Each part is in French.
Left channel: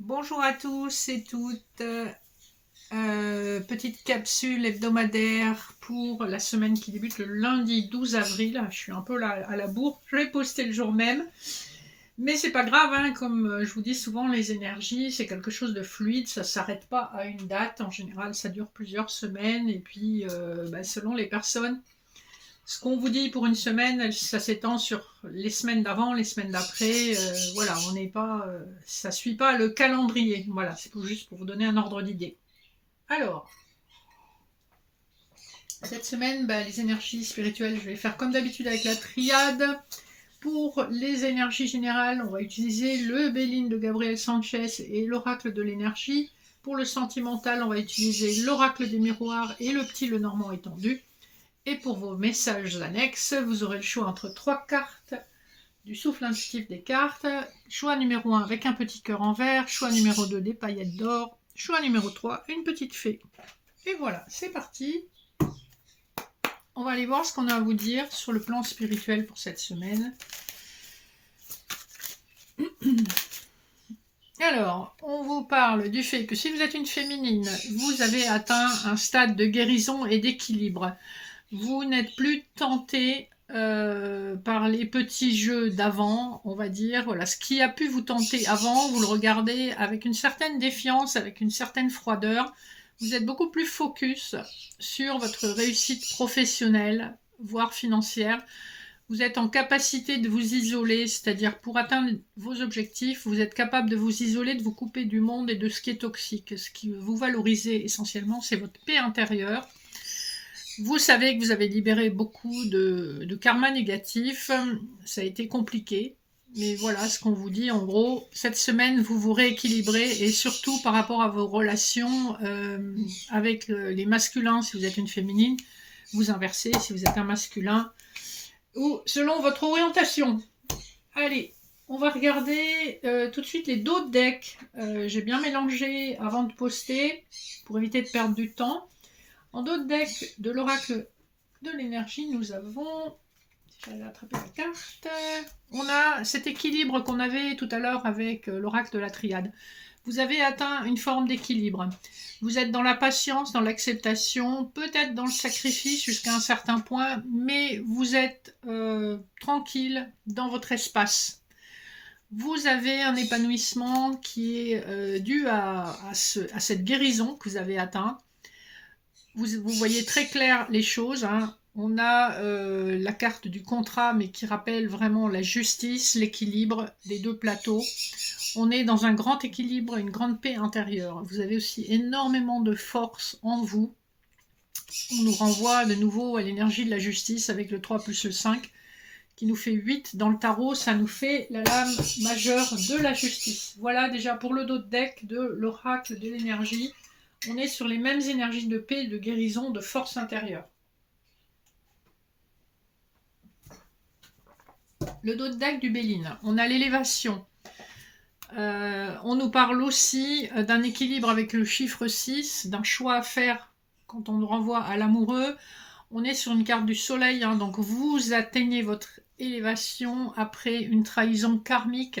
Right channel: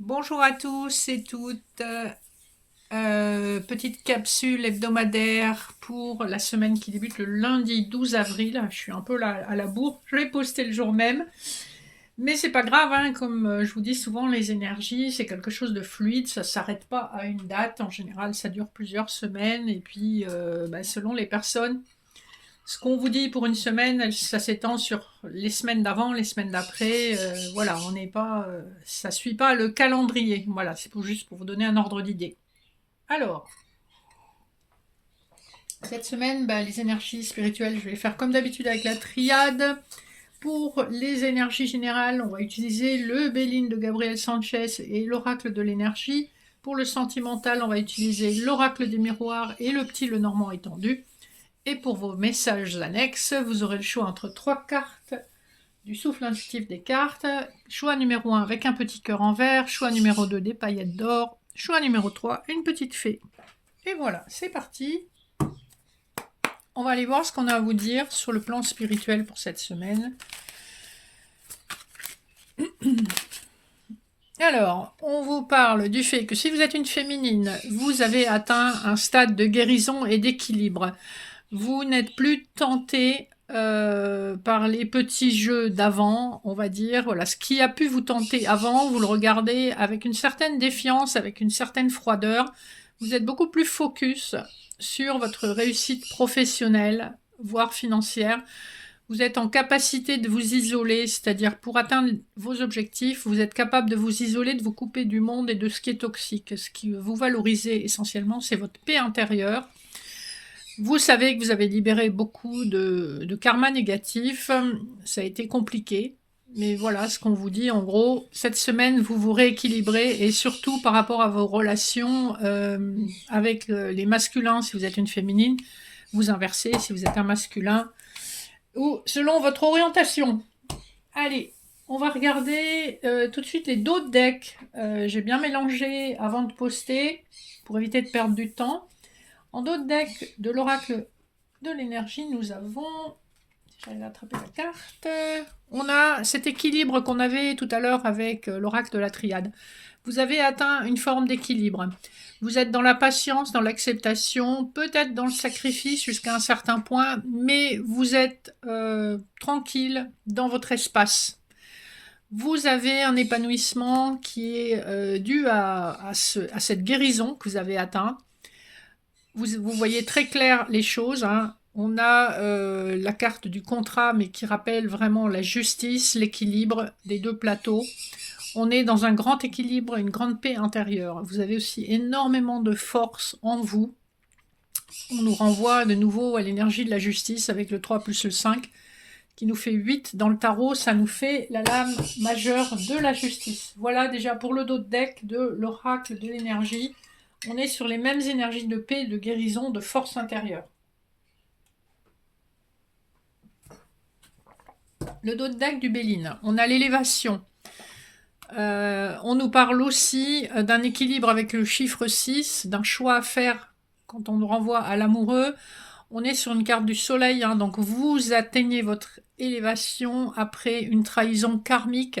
Bonjour à tous et toutes. Petite capsule hebdomadaire pour la semaine qui débute le lundi 12 avril. Je suis un peu là à la bourre. Je l'ai posté le jour même. Mais c'est pas grave, hein, comme je vous dis souvent, les énergies, c'est quelque chose de fluide, ça s'arrête pas à une date. En général, ça dure plusieurs semaines. Et puis, selon les personnes, ce qu'on vous dit pour une semaine, ça s'étend sur les semaines d'avant, les semaines d'après. Voilà, on n'est pas, ça suit pas le calendrier. Voilà, c'est juste pour vous donner un ordre d'idée. Alors, cette semaine, les énergies spirituelles, je vais faire comme d'habitude avec la triade. Pour les énergies générales, on va utiliser le Béline de Gabriel Sanchez et l'oracle de l'énergie. Pour le sentimental, on va utiliser l'oracle des miroirs et le petit le normand étendu. Et pour vos messages annexes, vous aurez le choix entre trois cartes du souffle intuitif des cartes. Choix numéro 1 avec un petit cœur en vert. Choix numéro 2 des paillettes d'or. Choix numéro 3 une petite fée. Et voilà, c'est parti. On va aller voir ce qu'on a à vous dire sur le plan spirituel pour cette semaine. Alors, on vous parle du fait que si vous êtes une féminine, vous avez atteint un stade de guérison et d'équilibre. Vous n'êtes plus tenté par les petits jeux d'avant, on va dire. Voilà, ce qui a pu vous tenter avant, vous le regardez avec une certaine défiance, avec une certaine froideur. Vous êtes beaucoup plus focus sur votre réussite professionnelle, voire financière. Vous êtes en capacité de vous isoler, c'est-à-dire pour atteindre vos objectifs, vous êtes capable de vous isoler, de vous couper du monde et de ce qui est toxique. Ce qui vous valorise essentiellement, c'est votre paix intérieure. Vous savez que vous avez libéré beaucoup de karma négatif. Ça a été compliqué. Mais voilà ce qu'on vous dit. En gros, cette semaine, vous vous rééquilibrez et surtout par rapport à vos relations avec les masculins, si vous êtes une féminine, vous inversez si vous êtes un masculin ou selon votre orientation. Allez, on va regarder tout de suite les dos de deck. J'ai bien mélangé avant de poster pour éviter de perdre du temps. En dos de deck de l'oracle de l'énergie, nous avons, si j'arrive à attraper la carte, on a cet équilibre qu'on avait tout à l'heure avec l'oracle de la triade. Vous avez atteint une forme d'équilibre. Vous êtes dans la patience, dans l'acceptation, peut-être dans le sacrifice jusqu'à un certain point, mais vous êtes tranquille dans votre espace. Vous avez un épanouissement qui est dû à cette guérison que vous avez atteint. Vous voyez très clair les choses, hein. On a la carte du contrat, mais qui rappelle vraiment la justice, l'équilibre des deux plateaux. On est dans un grand équilibre, une grande paix intérieure. Vous avez aussi énormément de force en vous. On nous renvoie de nouveau à l'énergie de la justice avec le 3 plus le 5, qui nous fait 8 dans le tarot. Ça nous fait la lame majeure de la justice. Voilà déjà pour le dos de deck de l'oracle de l'énergie. On est sur les mêmes énergies de paix, de guérison, de force intérieure. Le dos de deck du Béline. On a l'élévation. On nous parle aussi d'un équilibre avec le chiffre 6, d'un choix à faire quand on nous renvoie à l'amoureux. On est sur une carte du soleil, hein, donc vous atteignez votre élévation après une trahison karmique.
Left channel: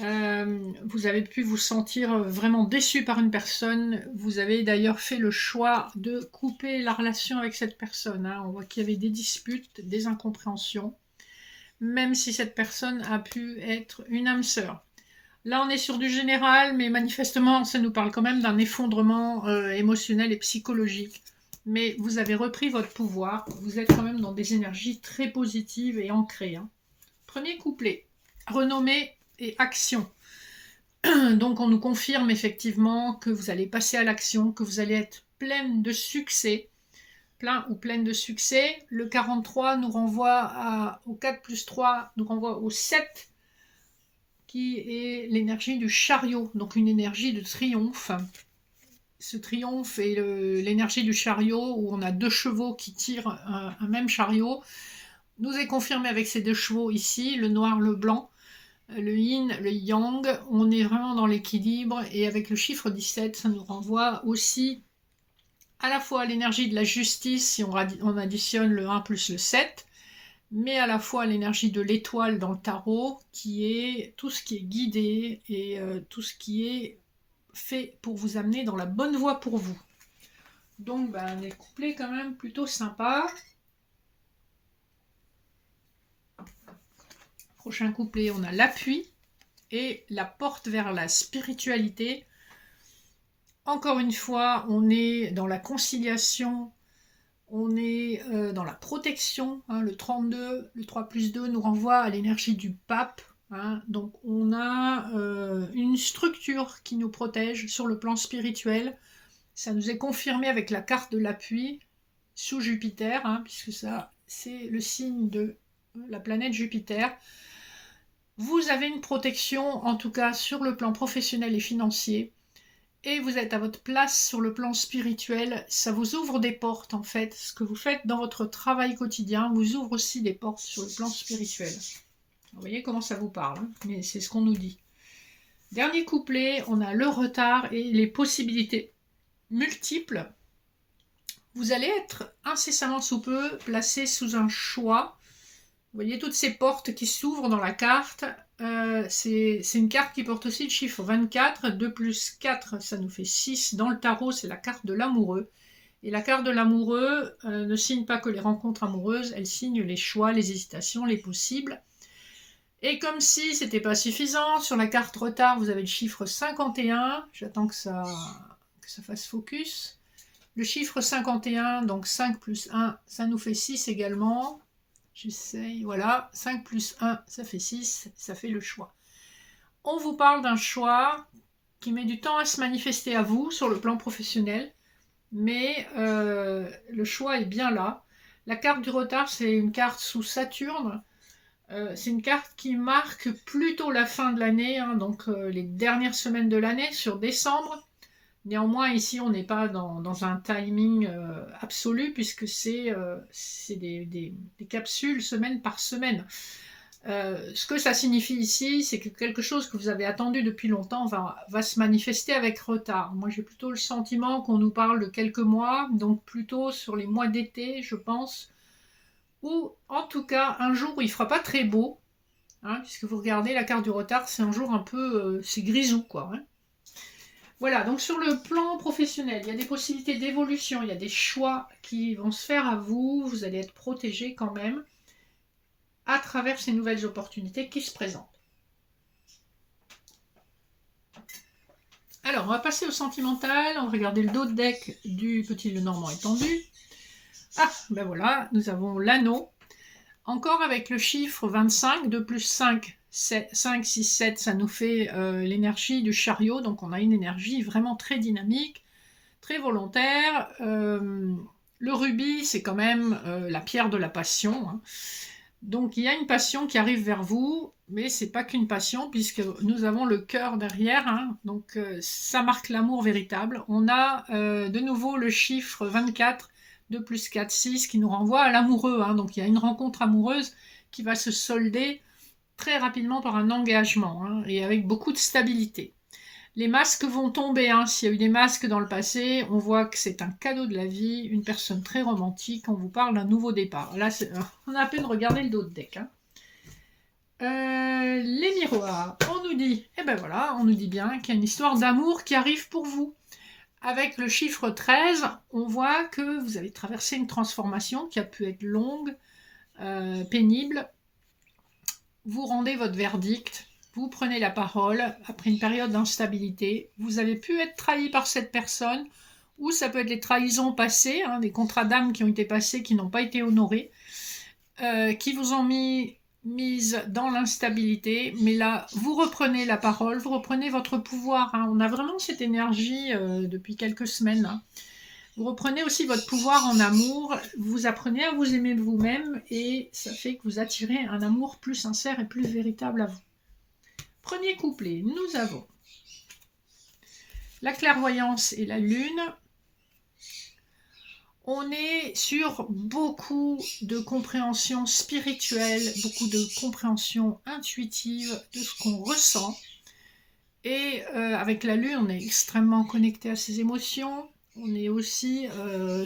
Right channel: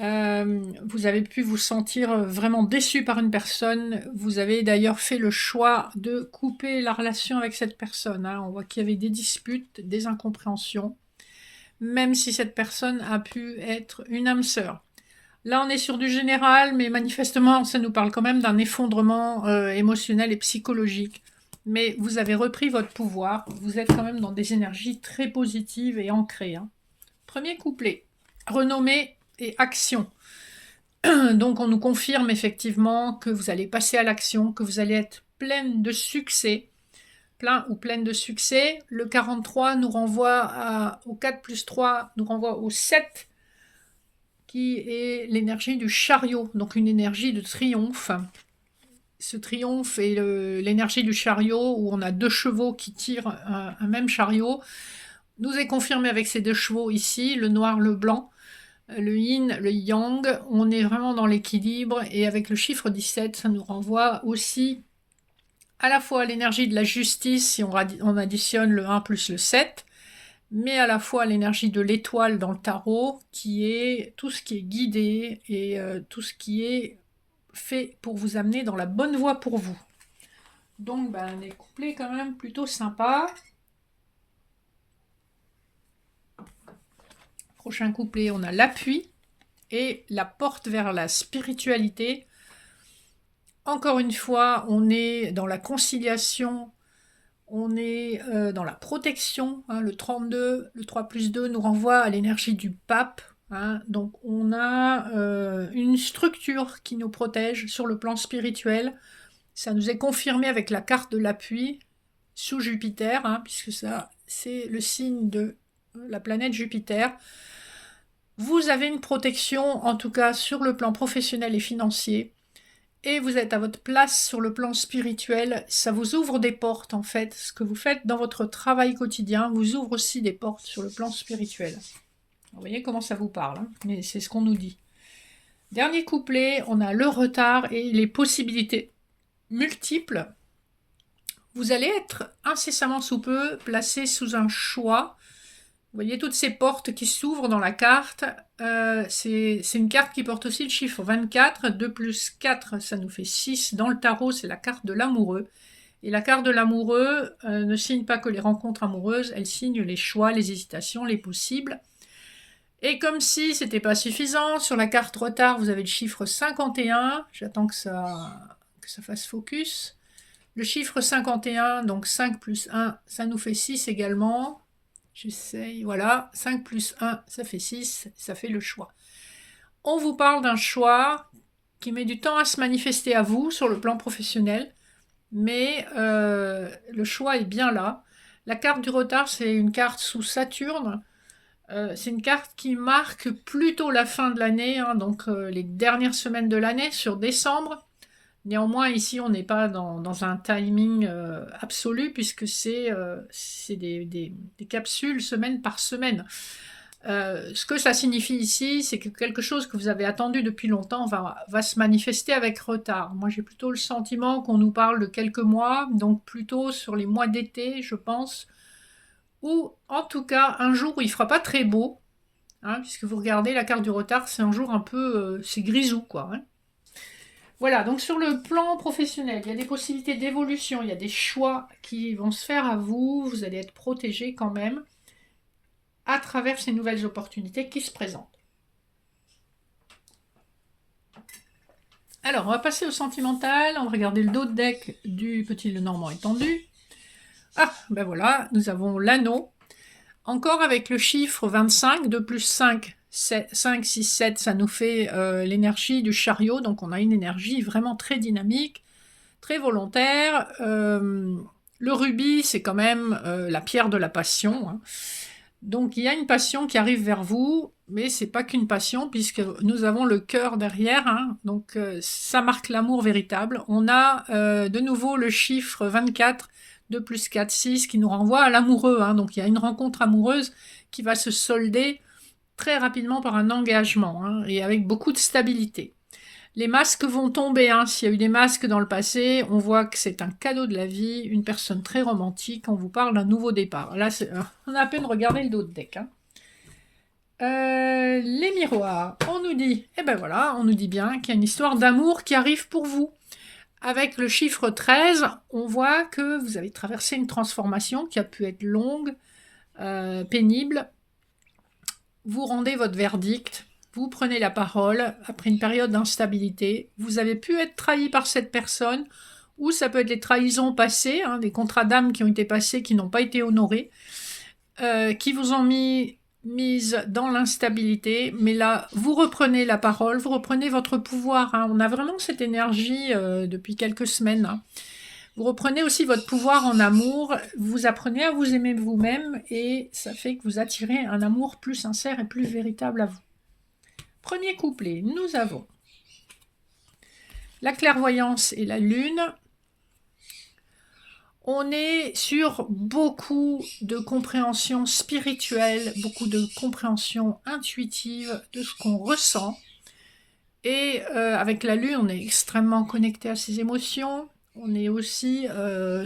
Vous avez pu vous sentir vraiment déçu par une personne. Vous avez d'ailleurs fait le choix de couper la relation avec cette personne, hein. On voit qu'il y avait des disputes, des incompréhensions, même si cette personne a pu être une âme sœur. Là, on est sur du général, mais manifestement, ça nous parle quand même d'un effondrement émotionnel et psychologique. Mais vous avez repris votre pouvoir. Vous êtes quand même dans des énergies très positives et ancrées, hein. Premier couplet. Renommée et action. Donc, on nous confirme effectivement que vous allez passer à l'action, que vous allez être pleine de succès. Plein ou pleine de succès. Le 43 nous renvoie au 4 plus 3, nous renvoie au 7, qui est l'énergie du chariot, donc une énergie de triomphe. Ce triomphe est l'énergie du chariot, où on a deux chevaux qui tirent un même chariot, nous est confirmé avec ces deux chevaux ici, le noir, le blanc, le yin, le yang. On est vraiment dans l'équilibre, et avec le chiffre 17, ça nous renvoie aussi à la fois à l'énergie de la justice, si on additionne le 1 plus le 7, mais à la fois l'énergie de l'étoile dans le tarot, qui est tout ce qui est guidé et tout ce qui est fait pour vous amener dans la bonne voie pour vous. Donc des couplets quand même plutôt sympas. Prochain couplet, on a l'appui et la porte vers la spiritualité. Encore une fois, on est dans la conciliation, on est dans la protection. Le 32, le 3+2 nous renvoie à l'énergie du pape. Donc on a une structure qui nous protège sur le plan spirituel. Ça nous est confirmé avec la carte de l'appui sous Jupiter, puisque ça c'est le signe de la planète Jupiter. Vous avez une protection, en tout cas sur le plan professionnel et financier, et vous êtes à votre place sur le plan spirituel. Ça vous ouvre des portes, en fait. Ce que vous faites dans votre travail quotidien vous ouvre aussi des portes sur le plan spirituel. Vous voyez comment ça vous parle, mais c'est ce qu'on nous dit. Dernier couplet, on a le retard et les possibilités multiples. Vous allez être incessamment sous peu placé sous un choix. Vous voyez toutes ces portes qui s'ouvrent dans la carte. C'est une carte qui porte aussi le chiffre 24. 2 plus 4, ça nous fait 6. Dans le tarot, c'est la carte de l'amoureux. Et la carte de l'amoureux ne signe pas que les rencontres amoureuses, elle signe les choix, les hésitations, les possibles. Et comme si c'était pas suffisant, sur la carte retard, vous avez le chiffre 51. J'attends que ça fasse focus. Le chiffre 51, donc 5 plus 1, ça nous fait 6 également. J'essaye, voilà, 5 plus 1, ça fait 6, ça fait le choix. On vous parle d'un choix qui met du temps à se manifester à vous sur le plan professionnel, mais le choix est bien là. La carte du retard, c'est une carte sous Saturne. C'est une carte qui marque plutôt la fin de l'année, donc les dernières semaines de l'année, sur décembre. Néanmoins, ici, on n'est pas dans un timing absolu, puisque c'est des capsules semaine par semaine. Ce que ça signifie ici, c'est que quelque chose que vous avez attendu depuis longtemps va se manifester avec retard. Moi, j'ai plutôt le sentiment qu'on nous parle de quelques mois, donc plutôt sur les mois d'été, je pense, ou en tout cas un jour où il ne fera pas très beau, puisque vous regardez la carte du retard, c'est un jour un peu, c'est grisou, quoi. Voilà, donc sur le plan professionnel, il y a des possibilités d'évolution, il y a des choix qui vont se faire à vous, vous allez être protégé quand même à travers ces nouvelles opportunités qui se présentent. Alors, on va passer au sentimental, on va regarder le dos de deck du petit Lenormand étendu. Ah, ben voilà, nous avons l'anneau, encore avec le chiffre 25, 2 plus 5, 5, 6, 7, ça nous fait l'énergie du chariot, donc on a une énergie vraiment très dynamique, très volontaire. Le rubis, c'est quand même la pierre de la passion. Donc il y a une passion qui arrive vers vous, mais c'est pas qu'une passion, puisque nous avons le cœur derrière. Donc ça marque l'amour véritable. On a de nouveau le chiffre 24, 2 plus 4, 6, qui nous renvoie à l'amoureux. Donc il y a une rencontre amoureuse qui va se solder très rapidement par un engagement, et avec beaucoup de stabilité. Les masques vont tomber, s'il y a eu des masques dans le passé, on voit que c'est un cadeau de la vie, une personne très romantique, on vous parle d'un nouveau départ. Là, on a à peine regardé le dos de deck. Les miroirs, on nous dit, on nous dit bien qu'il y a une histoire d'amour qui arrive pour vous. Avec le chiffre 13, on voit que vous avez traversé une transformation qui a pu être longue, pénible. Vous rendez votre verdict, vous prenez la parole après une période d'instabilité. Vous avez pu être trahi par cette personne, ou ça peut être des trahisons passées, des contrats d'âme qui ont été passés, qui n'ont pas été honorés, qui vous ont mise dans l'instabilité. Mais là, vous reprenez la parole, vous reprenez votre pouvoir. On a vraiment cette énergie depuis quelques semaines. Vous reprenez aussi votre pouvoir en amour, vous apprenez à vous aimer vous-même et ça fait que vous attirez un amour plus sincère et plus véritable à vous. Premier couplet, nous avons la clairvoyance et la lune. On est sur beaucoup de compréhension spirituelle, beaucoup de compréhension intuitive de ce qu'on ressent. Et avec la lune, on est extrêmement connecté à ses émotions. On est aussi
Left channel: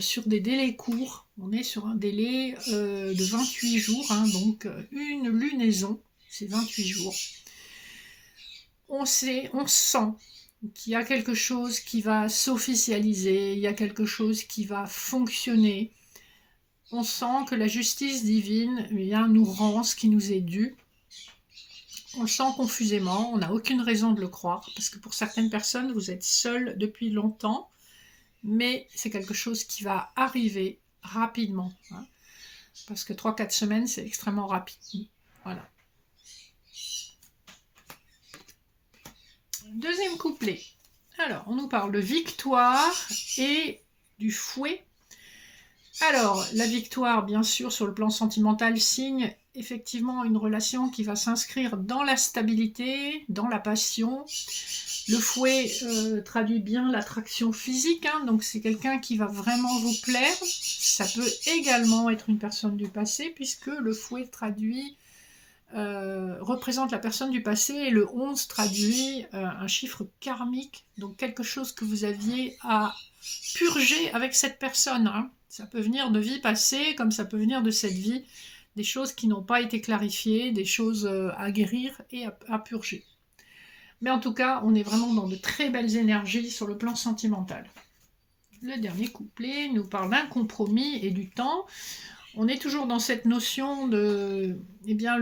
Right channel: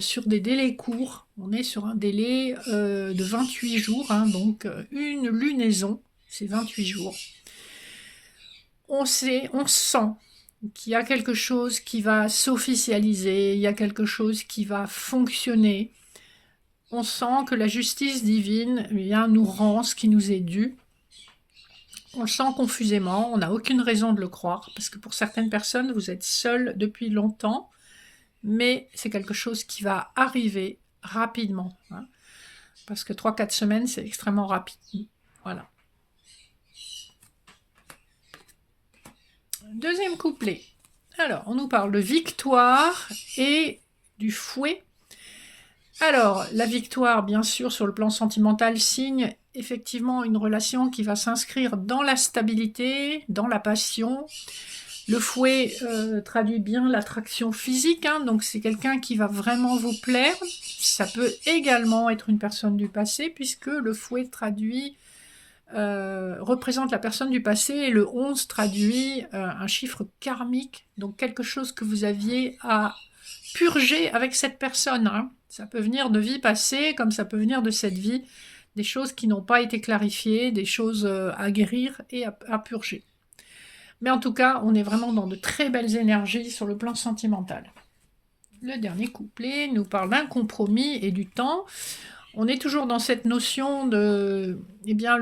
sur des délais courts. On est sur un délai de 28 jours, hein, donc une lunaison, c'est 28 jours. On sait, on sent qu'il y a quelque chose qui va s'officialiser, il y a quelque chose qui va fonctionner. On sent que la justice divine nous rend ce qui nous est dû. On le sent confusément, on n'a aucune raison de le croire, parce que pour certaines personnes, vous êtes seul depuis longtemps, mais c'est quelque chose qui va arriver rapidement, hein, parce que 3-4 semaines, c'est extrêmement rapide. Voilà. Deuxième couplet. Alors, on nous parle de victoire et du fouet. Alors, la victoire, bien sûr, sur le plan sentimental, signe effectivement une relation qui va s'inscrire dans la stabilité, dans la passion. Le fouet traduit bien l'attraction physique, hein, donc c'est quelqu'un qui va vraiment vous plaire. Ça peut également être une personne du passé, puisque le fouet représente la personne du passé, et le 11 traduit un chiffre karmique, donc quelque chose que vous aviez à purger avec cette personne, hein. Ça peut venir de vie passée, comme ça peut venir de cette vie, des choses qui n'ont pas été clarifiées, des choses à guérir et à purger. Mais en tout cas, on est vraiment dans de très belles énergies sur le plan sentimental. Le dernier couplet nous parle d'un compromis et du temps. On est toujours dans cette notion de, eh bien,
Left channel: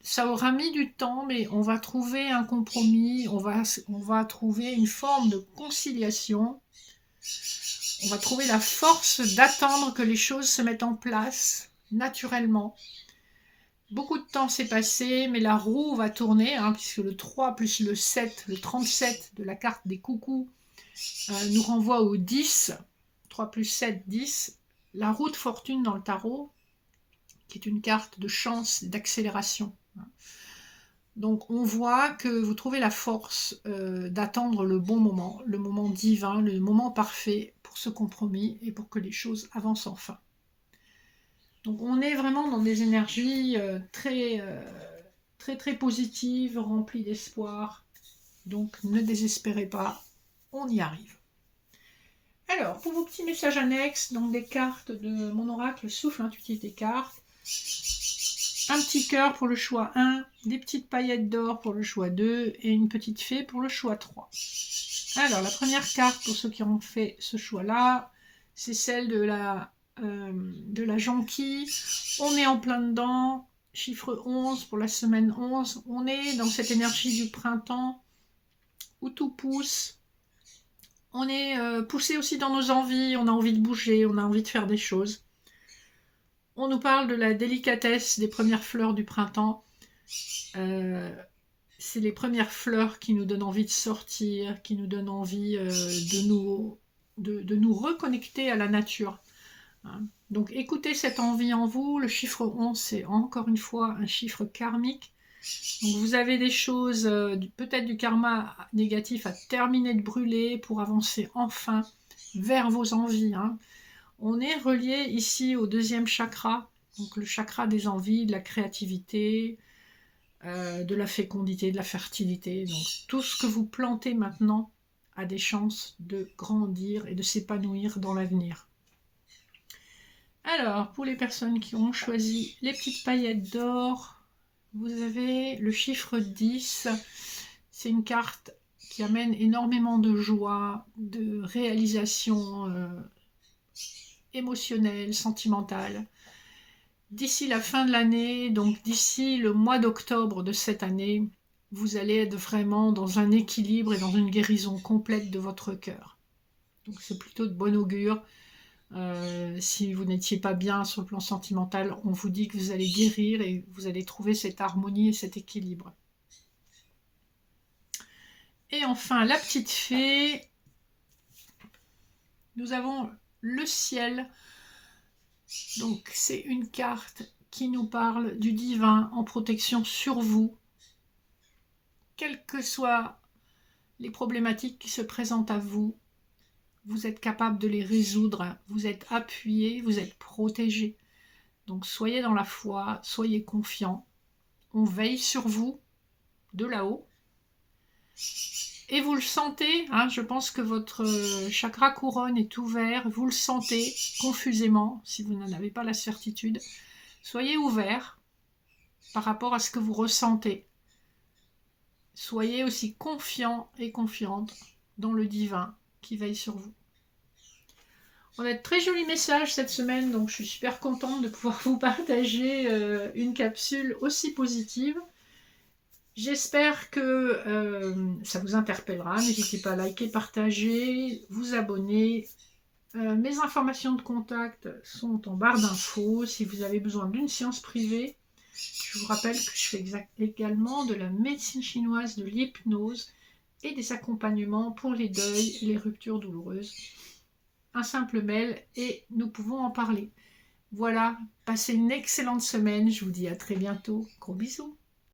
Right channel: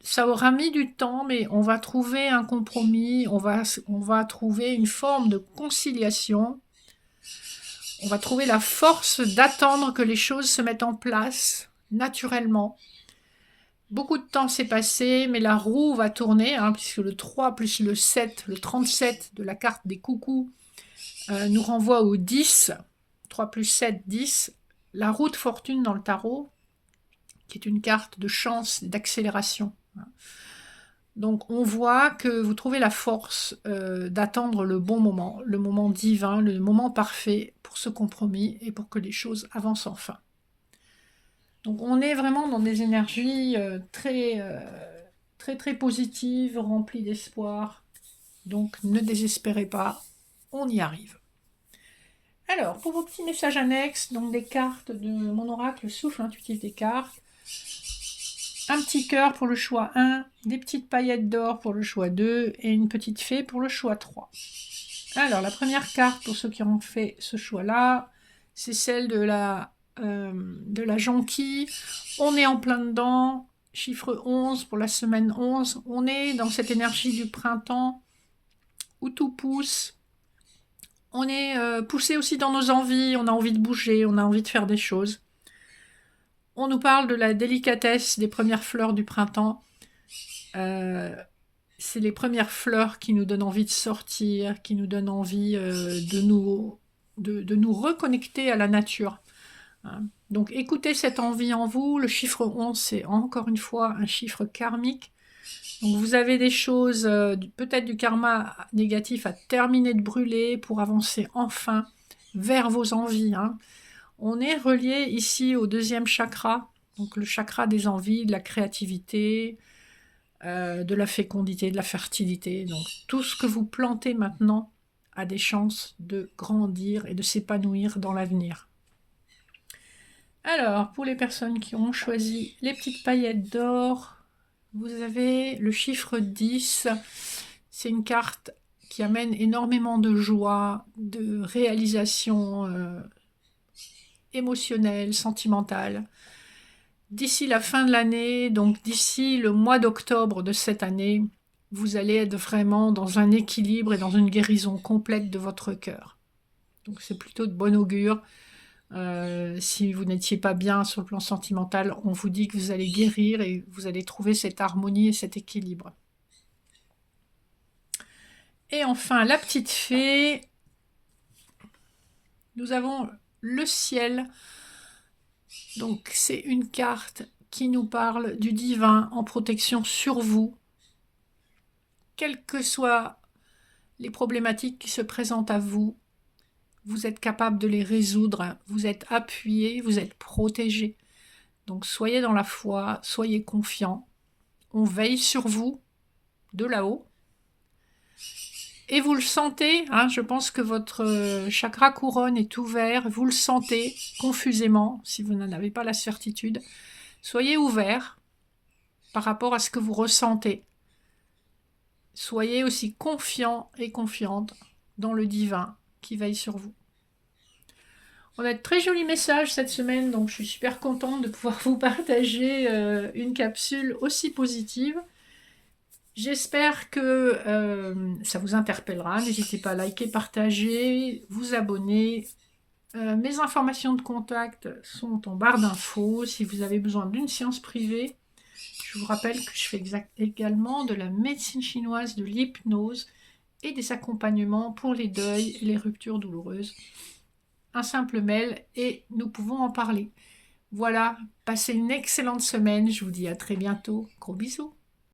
ça aura mis du temps, mais on va trouver un compromis, on va trouver une forme de conciliation. On va trouver la force d'attendre que les choses se mettent en place naturellement. Beaucoup de temps s'est passé, mais la roue va tourner, hein, puisque le 3 plus le 7, le 37 de la carte des coucous, nous renvoie au 10. 3 plus 7, 10. La roue de fortune dans le tarot, qui est une carte de chance et d'accélération. Donc on voit que vous trouvez la force d'attendre le bon moment, le moment divin, le moment parfait pour ce compromis et pour que les choses avancent enfin. Donc on est vraiment dans des énergies très, très, très positives, remplies d'espoir. Donc ne désespérez pas, on y arrive. Alors, pour vos petits messages annexes, donc des cartes de mon oracle Souffle Intuitif des cartes, un petit cœur pour le choix 1, des petites paillettes d'or pour le choix 2 et une petite fée pour le choix 3. Alors, la première carte pour ceux qui ont fait ce choix-là, c'est celle de la jonquille. On est en plein dedans, chiffre 11 pour la semaine 11. On est dans cette énergie du printemps où tout pousse. On est poussé aussi dans nos envies, on a envie de bouger, on a envie de faire des choses. On nous parle de la délicatesse des premières fleurs du printemps. C'est les premières fleurs qui nous donnent envie de sortir, qui nous donnent envie de nous reconnecter à la nature. Hein. Donc écoutez cette envie en vous. Le chiffre 11, c'est encore une fois un chiffre karmique. Donc vous avez des choses, peut-être du karma négatif à terminer de brûler pour avancer enfin vers vos envies, hein. On est relié ici au deuxième chakra, donc le chakra des envies, de la créativité, de la fécondité, de la fertilité. Donc tout ce que vous plantez maintenant a des chances de grandir et de s'épanouir dans l'avenir. Alors, pour les personnes qui ont choisi les petites paillettes d'or, vous avez le chiffre 10. C'est une carte qui amène énormément de joie, de réalisation émotionnelle, sentimentale. D'ici la fin de l'année, donc d'ici le mois d'octobre de cette année, vous allez être vraiment dans un équilibre et dans une guérison complète de votre cœur. Donc c'est plutôt de bon augure. Si vous n'étiez pas bien sur le plan sentimental, on vous dit que vous allez guérir et vous allez trouver cette harmonie et cet équilibre. Et enfin, la petite fée. Nous avons le ciel. Donc c'est une carte qui nous parle du divin en protection sur vous. Quelles que soient les problématiques qui se présentent à vous, vous êtes capable de les résoudre, vous êtes appuyé, vous êtes protégé. Donc soyez dans la foi, soyez confiants. On veille sur vous de là-haut. Et vous le sentez, hein, je pense que votre chakra couronne est ouvert, vous le sentez confusément, si vous n'en avez pas la certitude. Soyez ouvert par rapport à ce que vous ressentez. Soyez aussi confiant et confiante dans le divin qui veille sur vous. On a de très jolis messages cette semaine, donc je suis super contente de pouvoir vous partager une capsule aussi positive. J'espère que ça vous interpellera. N'hésitez pas à liker, partager, vous abonner. Mes informations de contact sont en barre d'infos. Si vous avez besoin d'une séance privée, je vous rappelle que je fais également de la médecine chinoise, de l'hypnose et des accompagnements pour les deuils et les ruptures douloureuses. Un simple mail et nous pouvons en parler. Voilà, passez une excellente semaine. Je vous dis à très bientôt. Gros bisous.